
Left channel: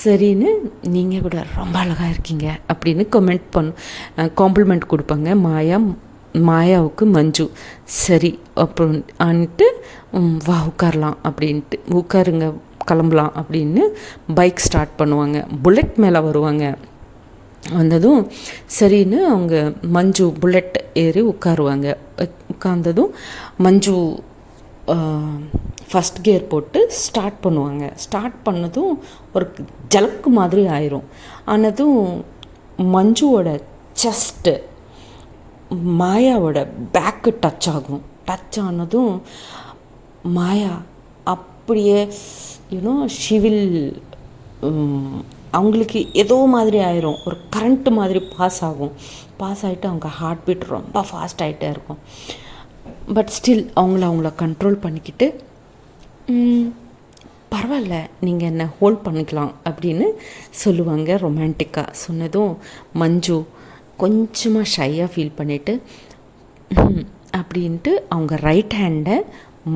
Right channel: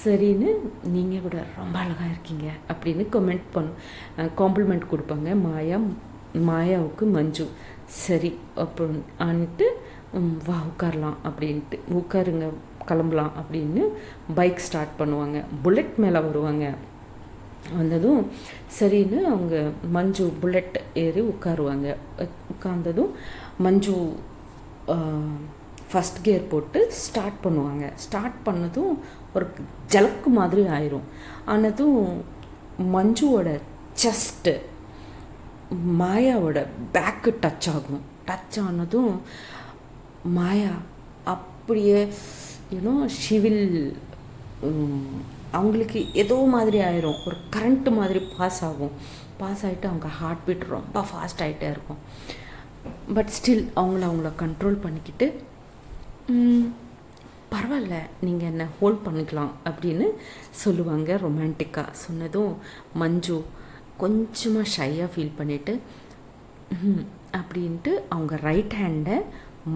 சரின்னு நீங்கள் கூட ரொம்ப அழகாக இருக்கீங்க அப்படின்னு காம்ப்ளிமெண்ட் கொடுப்பாங்க மாயாவுக்கு மஞ்சு. சரி அப்படின்ட்டு வா உட்காரலாம் அப்படின்ட்டு, உட்காருங்க கிளம்பலாம் அப்படின்னு பைக் ஸ்டார்ட் பண்ணுவாங்க. புல்லட் மேலே வருவாங்க. வந்ததும் சரின்னு அவங்க மஞ்சு புல்லட் ஏறி உட்காருவாங்க. உட்கார்ந்ததும் மஞ்சு ஃபஸ்ட் கியர் போட்டு ஸ்டார்ட் பண்ணுவாங்க. ஸ்டார்ட் பண்ணதும் ஒரு ஜலக்கு மாதிரி ஆயிரும். ஆனதும் மஞ்சுவோட செஸ்ட்டு மாயாவோட பேக்கு டச் ஆகும். டச் ஆனதும் மாயா அப்படியே ஷிவில் அவங்களுக்கு ஏதோ மாதிரி ஆயிரும். ஒரு கரண்ட்டு மாதிரி பாஸ் ஆகும். பாஸ் ஆகிட்டு அவங்க ஹார்ட் பீட் ரொம்ப ஃபாஸ்ட் ஆகிட்டே இருக்கும். பட் ஸ்டில் அவங்கள கண்ட்ரோல் பண்ணிக்கிட்டு பரவாயில்ல நீங்கள் என்ன ஹோல்ட் பண்ணிக்கலாம் அப்படின்னு சொல்லுவாங்க ரொமான்டிக்காக. சொன்னதும் மஞ்சு கொஞ்சமாக ஷையாக ஃபீல் பண்ணிவிட்டு அப்படின்ட்டு அவங்க ரைட் ஹேண்டை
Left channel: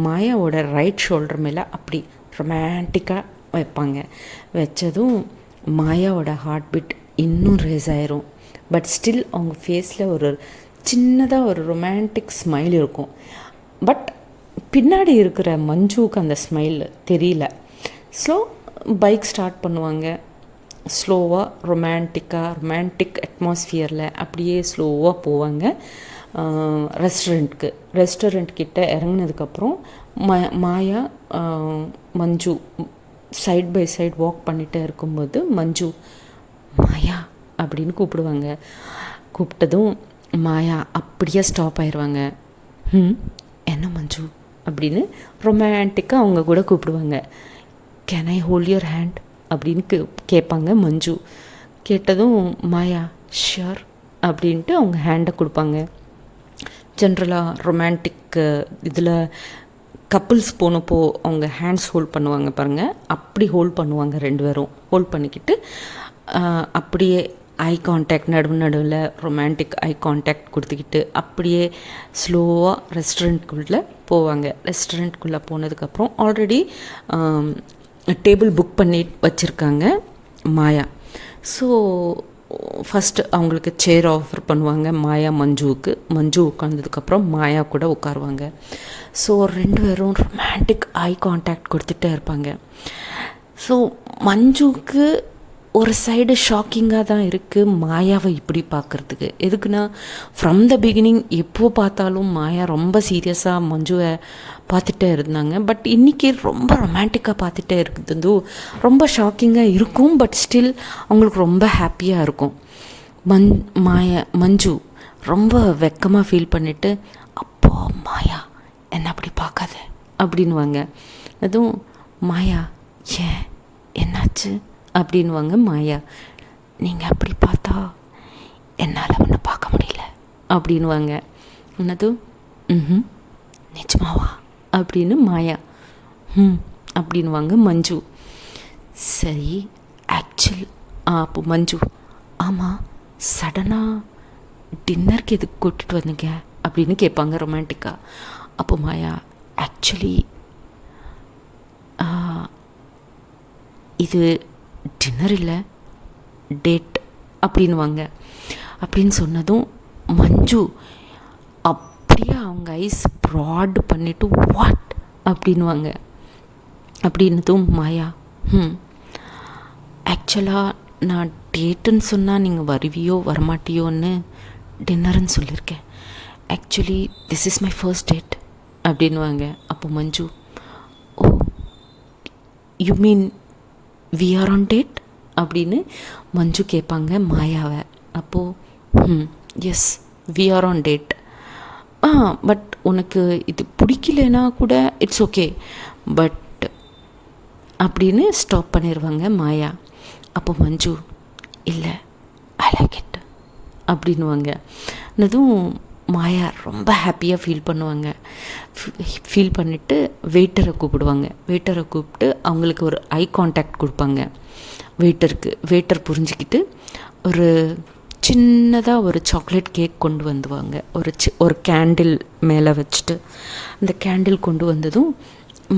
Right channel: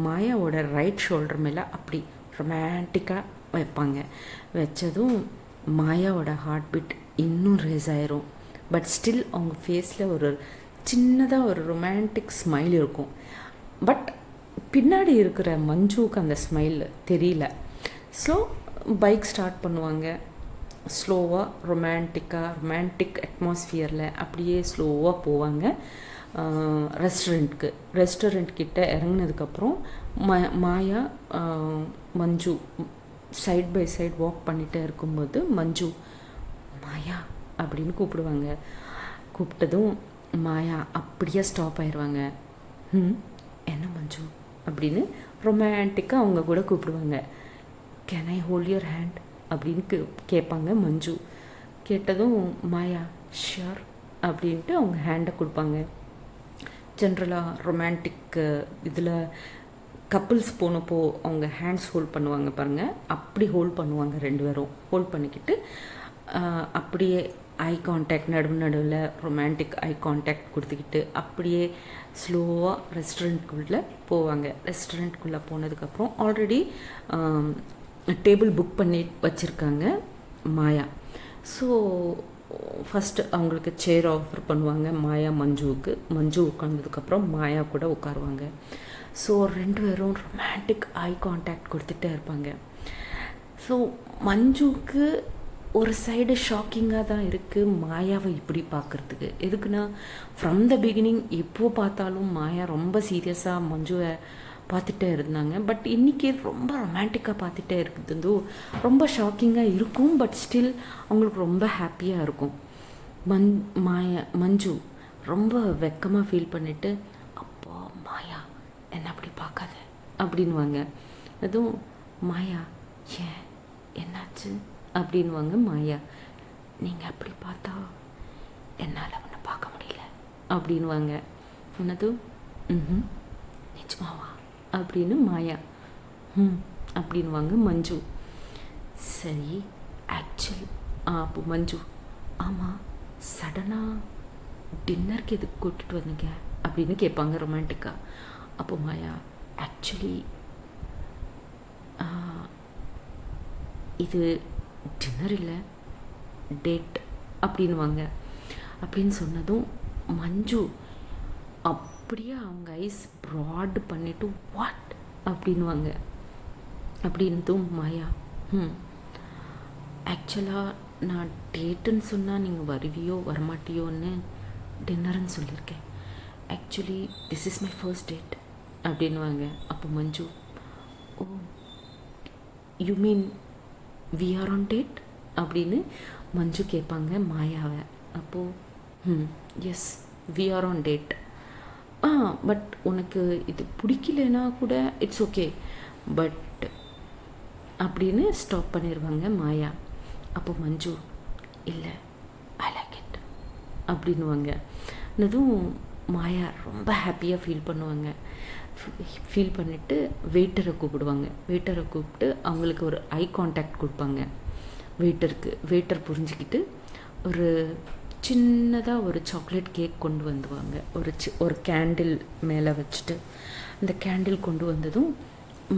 மாயாவோட ரைட் ஷோல்டர் மேலே அப்படி ரொமான்டிக்காக வைப்பாங்க. வச்சதும் மாயாவோட ஹார்ட் பீட் இன்னும் ரேஸ் ஆயிரும். பட் ஸ்டில் அவங்க ஃபேஸில் ஒரு சின்னதாக ஒரு ரொமான்டிக் ஸ்மைல் இருக்கும். பட் பின்னாடி இருக்கிற மஞ்சுவுக்கு அந்த ஸ்மைல் தெரியல. ஸோ பைக் ஸ்டார்ட் பண்ணுவாங்க. ஸ்லோவாக ரொமான்டிக் அட்மாஸ்ஃபியரில் அப்படியே ஸ்லோவாக போவாங்க ரெஸ்டாரண்ட் கிட்ட இறங்கினதுக்கப்புறம் மாயா மஞ்சு சைட் பை சைட் வாக் பண்ணிகிட்டே இருக்கும்போது மஞ்சு மாயா அப்படின்னு கூப்பிடுவாங்க. கூப்பிட்டதும் மாயா அப்படியே ஸ்டாப் ஆயிடுவாங்க. என்ன மஞ்சு அப்படின்னு ரொமான்டிக்காக அவங்க கூட கூப்பிடுவாங்க. Can I hold your hand அப்படின்னு கேட்பாங்க மஞ்சு. கேட்டதும் மாயா ஷியோர் அப்படின்ட்டு அவங்க ஹேண்டை கொடுப்பாங்க. ஜென்ரலாக ரொமான்டிக் இதில் கப்புள்ஸ் போனப்போ அவங்க ஹேண்ட்ஸ் ஹோல்ட் பண்ணுவாங்க பாருங்கள், அப்படி ஹோல்ட் பண்ணுவாங்க. 2 பேரும் ஹோல்ட் பண்ணிக்கிட்டு அப்படியே ஐ கான்டாக்ட் நடுவில் ரொமான்டிக் ஐ கான்டாக்ட் கொடுத்துக்கிட்டு அப்படியே ஸ்லோவாக ரெஸ்டாரண்ட்குள்ளே போவாங்க. ரெஸ்டாரண்ட்குள்ளே போனதுக்கப்புறம் ஆல்ரெடி டேபிள் புக் பண்ணி வச்சுருக்காங்க மாயா. ஸோ ஃபஸ்ட்டு அவங்களுக்கு சேர் ஆஃபர் பண்ணுவாங்க மாயா மஞ்சுவுக்கு. மஞ்சு உட்காந்ததுக்கப்புறம் மாயா கூட உட்காருவாங்க. ஸோ 2 பேரும் ரொமான்டிக் ஐ கான்டாக்ட் கொடுத்துட்டே இருப்பாங்க. ஸோ மஞ்சுவுக்கு ஒரு சைடு ஷாக்கிங்காக தான் இருக்குது மாயாவை இப்படி பார்க்குறதுக்கு. எதுக்குன்னா ஃப்ரம் த பிகினிங் எப்போ பார்த்தாலும் மாயா ரொம்ப சீரியஸாக மஞ்சுவை பார்த்துட்டே இருந்தாங்க. பட் இன்றைக்கி ரொம்ப ரொமான்டிக்காக பார்த்துட்டே இருக்குது. ரொம்ப ஷாக்கிங்காக இருக்கும். பட் ஸ்டில் அவங்களுக்கு ரொம்ப ஹாப்பியாக இருக்கும். மஞ்சு ரொம்ப வெக்கமாக ஃபீல் பண்ணிவிட்டு அப்போ மாயா என்ன அப்படி பார்க்காத அப்படின்வாங்க. அதுவும் மாயா ஏன் என்னாச்சு அப்படின்வாங்க மாயா. நீங்கள் அப்படி பார்த்தா என்னால் ஒன்று பார்க்க முடியல அப்படின்வாங்க. என்னதும் ம் நிஜமாவா அப்படின்னு மாயா அப்படின்வாங்க மஞ்சு. சரி ஆக்சுவல் அப்போ மஞ்சு ஆமாம் சடனாக டின்னருக்கு எதுக்கு கூட்டிகிட்டு வந்தீங்க அப்படின்னு கேட்பாங்க ரொமான்டிக்காக. அப்போ மாயா ஆக்சுவலி இது டின்னர் இல்லை டேட் அப்படின்வாங்க. அப்படின்னு சொன்னதும் மஞ்சு அப்படியே அவங்க ஐஸ் ப்ராட் பண்ணிவிட்டு வாட் அப்படின்வாங்க. அப்படின்னதும் மாயா ஆக்சுவலாக நான் டேட்டுன்னு சொன்னால் நீங்கள் வருவியோ வரமாட்டியோன்னு டின்னருன்னு சொல்லியிருக்கேன். Actually this is my first date அப்படின்வாங்க. அப்போ Manju oh you mean we are on date அப்படின்னு மஞ்சு கேட்பாங்க மாயாவை. அப்போது yes we are on date. But உனக்கு இது பிடிக்கலனா கூட இட்ஸ் ஓகே பட் அப்படின்னு ஸ்டாப் பண்ணிடுவாங்க மாயா. அப்போ மஞ்சு இல்லை ஐ லைக் இட் அப்படின்வாங்க. அதுவும் மாயா ரொம்ப ஹாப்பியாக ஃபீல் பண்ணுவாங்க. ஃபீல் பண்ணிவிட்டு வெயிட்டரை கூப்பிடுவாங்க. வெயிட்டரை கூப்பிட்டு அவங்களுக்கு ஒரு ஐ கான்டாக்ட் கொடுப்பாங்க. வெயிட்டர் புரிஞ்சுக்கிட்டு ஒரு சின்னதாக ஒரு சாக்லேட் கேக் கொண்டு வந்துவாங்க. ஒரு கேண்டில் மேலே வச்சுட்டு அந்த கேண்டில் கொண்டு வந்ததும்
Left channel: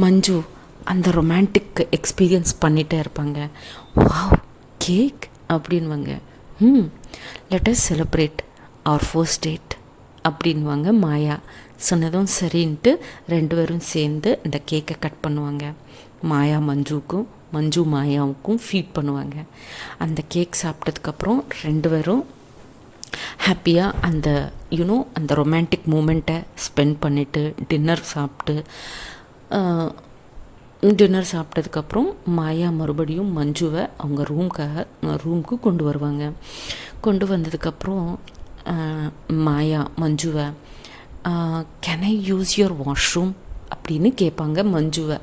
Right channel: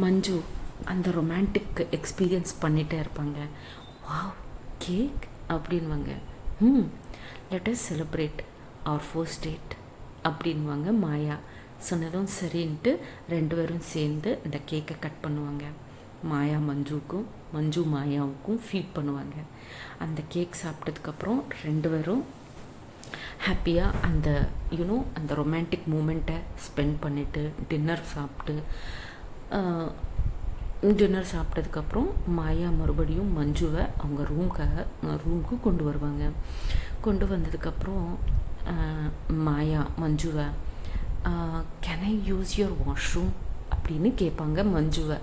மஞ்சு அந்த ரொமான்டிக் எக்ஸ்பீரியன்ஸ் பண்ணிகிட்டே இருப்பாங்க. வாவ் கேக் அப்படின்வாங்க. Let us celebrate our first date அப்படின்வாங்க மாயா. சொன்னதும் சரின்ட்டு 2 பேரும் சேர்ந்து அந்த கேக்கை கட் பண்ணுவாங்க. மாயா மஞ்சுவுக்கும் மஞ்சு மாயாவுக்கும் ஃபீட் பண்ணுவாங்க. அந்த கேக் சாப்பிட்டதுக்கப்புறம் 2 பேரும் ஹாப்பியாக அந்த அந்த ரொமான்டிக் மூமெண்ட்டை ஸ்பெண்ட் பண்ணிவிட்டு டின்னர் சாப்பிட்டதுக்கப்புறம் மாயா மறுபடியும் மஞ்சுவை அவங்க ரூமுக்கு கொண்டு வருவாங்க. கொண்டு வந்ததுக்கப்புறம் மாயா மஞ்சுவை can I use your washroom அப்படின்னு கேட்பாங்க மஞ்சுவை.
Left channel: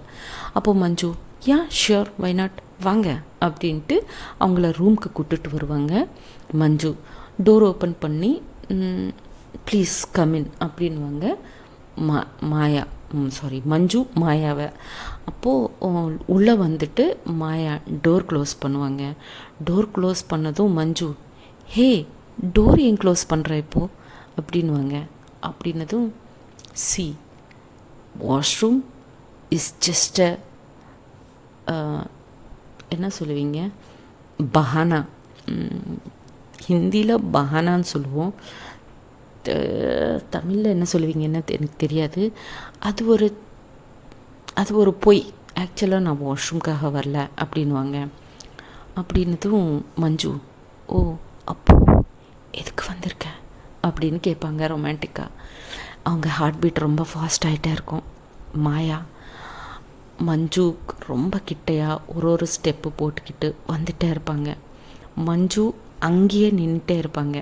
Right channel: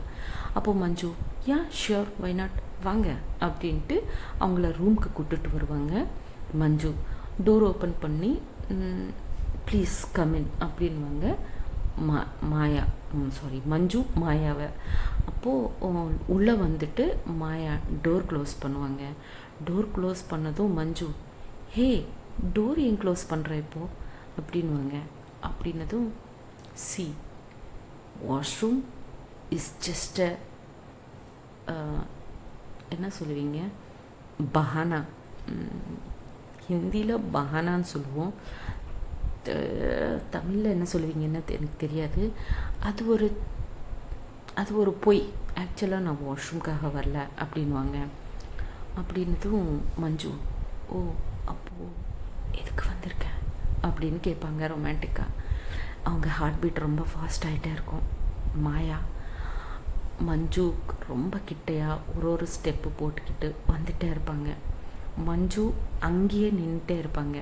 அப்போது மஞ்சு யா ஷியோர் வை நாட் வாங்க அப்படின்ட்டு அவங்கள ரூமுக்கு கூப்பிட்டுட்டு வருவாங்க. மஞ்சு டோர் ஓப்பன் பண்ணி ப்ளீஸ் கமின் அப்படின்வாங்க மாயா மஞ்சு மாயாவை. அப்போது உள்ளே வந்துட்டு மாயா டோர் க்ளோஸ் பண்ணுவாங்க. டோர் க்ளோஸ் பண்ணதும் மஞ்சு ஹே டோர் ஏன் க்ளோஸ் பண்ணுற இப்போது அப்படின்வாங்க. அப்படின்னதும் சி வாஷ்ரூம் இஸ் ஜஸ்ட் என்ன சொல்லுவீங்க பஹானா, ஹிந்தியில் பஹானான்னு சொல்லுவோம், தமிழில் என்ன சொல்லுவீங்கன்னு எனக்கு தெரியாது. அது ஒரு பொய். ஆக்சுவலாக நான் வாஷ்ரூம்காக வரல அப்படின்வாங்க. அப்படின்னதும் மஞ்சு ஓ அப்போது எதுக்கு வந்திருக்க அப்படின்னு கேட்பாங்க ரொமான்டிக்காக. அவங்க ஹார்ட் பீட் ரொம்ப ஃபாஸ்ட் ஆகிட்டே இருக்கும். மாயா மஞ்சு ரொம்ப கிட்டையாக ஒரு ஸ்டெப்பு போட்டுக்கிட்டு வந்துகிட்டே இருப்பாங்க. மஞ்சு அங்கேயே நின்றுட்டே இருப்பாங்க.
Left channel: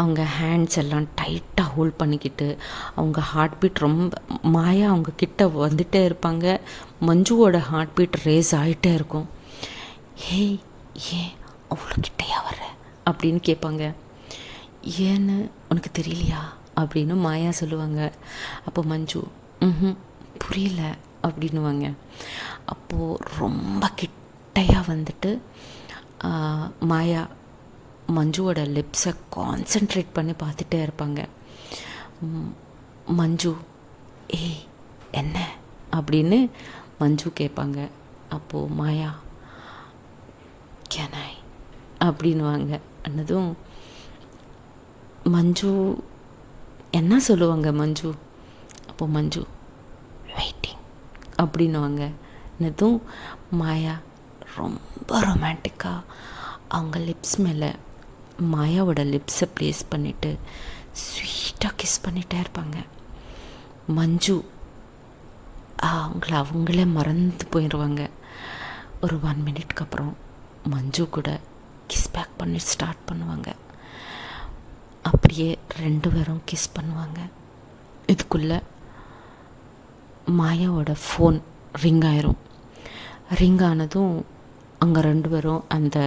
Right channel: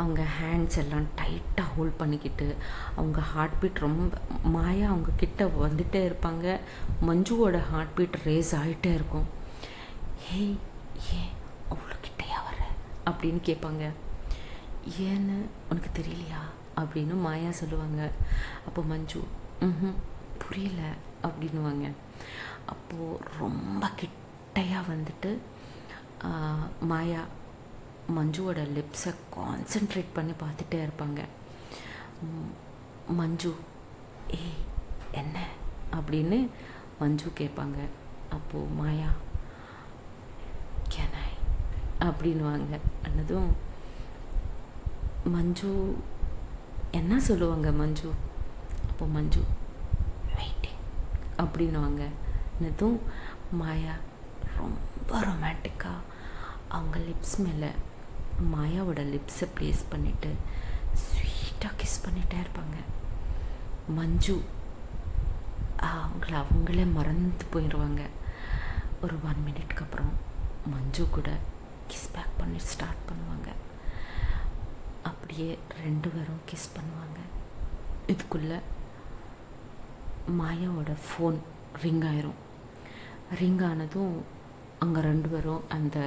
அவங்க ஹேண்ட்ஸ் எல்லாம் டைட்டாக ஹோல்ட் பண்ணிக்கிட்டு அவங்க ஹார்ட் பீட் ரொம்ப மாயா அவங்க கிட்ட வந்துகிட்டே இருப்பாங்க. மஞ்சுவோட ஹார்ட் பீட் ரேஸ் ஆகிட்டே இருக்கும். ஹே ஏன் அவ்வளோ கிட்டையா வர அப்படின்னு கேட்பாங்க. ஏன்னு உனக்கு தெரியலையா அப்படின்னு மாயா சொல்லுவாங்க. அப்போ மஞ்சு புரியல அப்படின்வாங்க. அப்போது ரொம்ப கிட்டையாக வந்துட்டு மாயா மஞ்சுவோட லிப்ஸை கான்சென்ட்ரேட் பண்ணி பார்த்துட்டே இருப்பாங்க. மஞ்சு ஏய் என்ன அப்படின்னு மஞ்சு கேட்பாங்க. அப்போது மாயா கேன் ஐ அப்படின்வாங்க. அன்னதும் மஞ்சு என்ன சொல்லுவாங்க மஞ்சு. அப்போது மஞ்சு வெயிட்டிங் அப்படின்வாங்க. என்னதும் மாயா ரொம்ப ரொமான்டிக்காக அவங்க லிப்ஸ் மேலே மாயாவோட லிப்ஸை ப்ளேஸ் பண்ணிவிட்டு ஸ்வீட்டாக கிஸ் பண்ணிகிட்டே இருப்பாங்க. மஞ்சு அவங்களே மறந்து போயிடுவாங்க. ஒரு 1 மினிட்க்கு அப்புறம் மஞ்சு கூட கிஸ் பேக் பண்ணி ஸ்டார்ட் பண்ணுவாங்க. அப்படியே 2 பேரும் கிஸ் பண்ணுவாங்க. இதுக்குள்ளே மாயாவோட ஃபோன் ரிங் ஆயிரும். ரிங் ஆனதும் அங்கே 2 பேரும் அந்த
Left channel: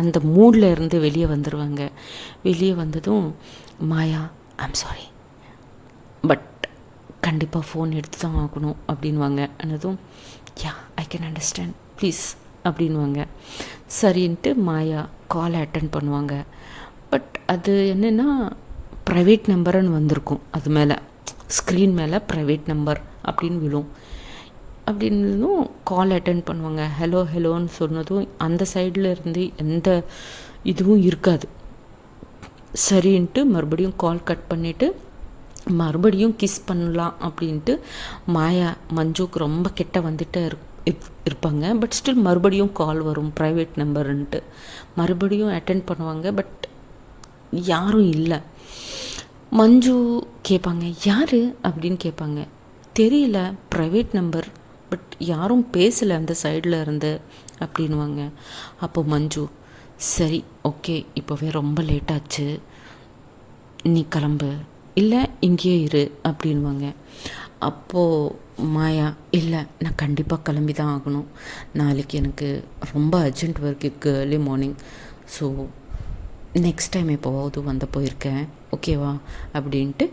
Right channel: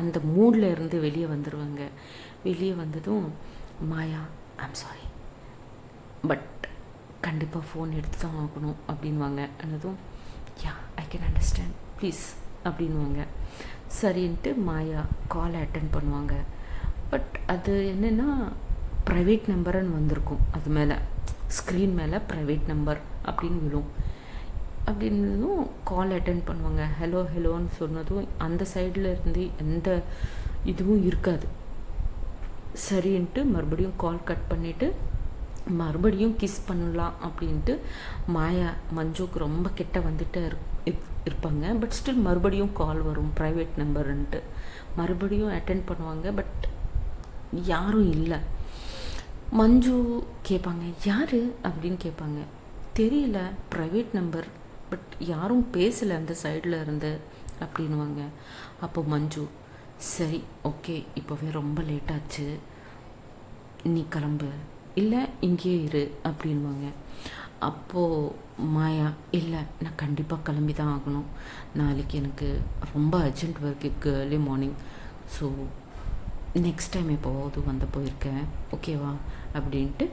அந்த மூடில் இருந்து வெளியே வந்துடுவாங்க. வெளியே வந்ததும் மாயா ஐம் சாரி பட் கண்டிப்பாக ஃபோன் எடுத்து தான் ஆகணும் அப்படின்வாங்க. ஆனதும் யா ஐ கேன் அண்டர்ஸ்டாண்ட் ப்ளீஸ் அப்படின்வாங்க. சரின்ட்டு மாயா காலை அட்டன் பண்ணுவாங்க. பட் அது என்னென்னா ப்ரைவேட் நம்பருன்னு வந்திருக்கும், அது மேலே ஸ்க்ரீன் மேலே ப்ரைவேட் நம்பர் அப்படின்னு விழும். அப்படின்னதும் கால் அட்டன் பண்ணுவாங்க. ஹலோ ஹலோன்னு சொன்னதும் அந்த சைடில் இருந்து எந்த இதுவும் இருக்காது. சரின்ட்டு மறுபடியும் கால் கட் பண்ணிவிட்டு மறுபடியும் கிஸ் பண்ணலாம் அப்படின்ட்டு மாயா மஞ்சுக்கு ரொம்ப கிட்ட வந்துட்டு இருப்பாங்க. பட் ஸ்டில் மறுபடியும் கால் வரும் ப்ரைவேட் நம்பருன்ட்டு. மறுபடியும் அட்டென்ட் பண்ணுவாங்க. பட் யாரும் இல்லை. மஞ்சு கேட்பாங்க யார் அப்படின்னு கேட்பாங்க. தெரியல, ப்ரைவேட் நம்பர், பட் யாரும் பேசலை அந்த சைடில் இருந்து அப்படின்வாங்க. அப்போ மஞ்சு சரி ஓகே இப்போவே ரொம்ப லேட்டாச்சு, நீ கிளம்பு, இல்லை இங்கேயே இரு அப்படின்வாங்க. அப்போது மாயா இல்லை நான் கண்டிப்பாக கிளம்பி தான் ஆகணும், நாளைக்கு எனக்கு ரொம்ப அர்ஜென்ட் ஒர்க் இருக்குது early morning, so next time எப்போவாவது வந்து போயிருக்கேன் ஓகேவா அப்படின்ட்டு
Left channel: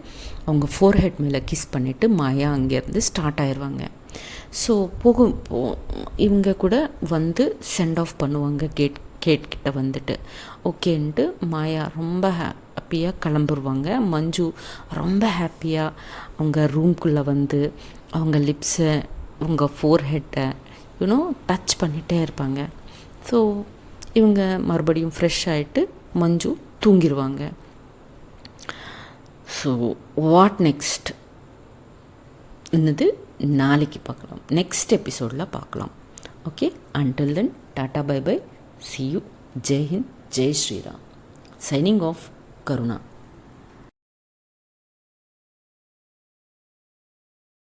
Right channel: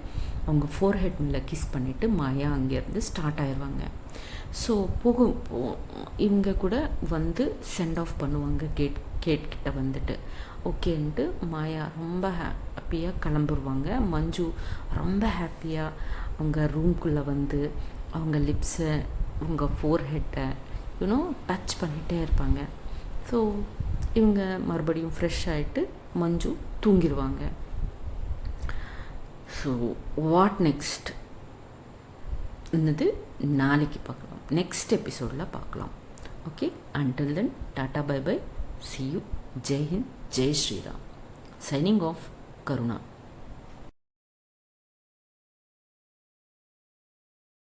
அவங்க ஃபோர்ஹெட் மேலே கிஸ் பண்ணிவிட்டு மாயா அங்கேருந்து ஸ்டார்ட் ஆயிடுவாங்க. ஸோ இவங்க கூட வந்து சென்ட் ஆஃப் பண்ணுவாங்க கேட்கிட்ட வந்துட்டு. ஓகேன்ட்டு மாயா ரொம்ப ஹாப்பியாக கிளம்புருவாங்க. மஞ்சு ரொம்ப ஹாப்பியாக அவங்க ரூம்குள்ளே வந்து அவங்க லிப்ஸை அவங்க ஃபோர்ஹெட்டை டச் பண்ணிகிட்டே இருப்பாங்க. ஸோ இவங்க மறுபடியும் ஃப்ரெஷ் ஆகிட்டு மஞ்சு தூங்கிடுவாங்க. ஸோ வாட் நெக்ஸ்ட் என்னது நாளைக்கு பார்க்கலாம், நெக்ஸ்ட் எபிசோடில் பார்க்கலாம். Okay, until then tata bye bye, see you, Jai Hind, Jai Shriram. Signing off, Karuna.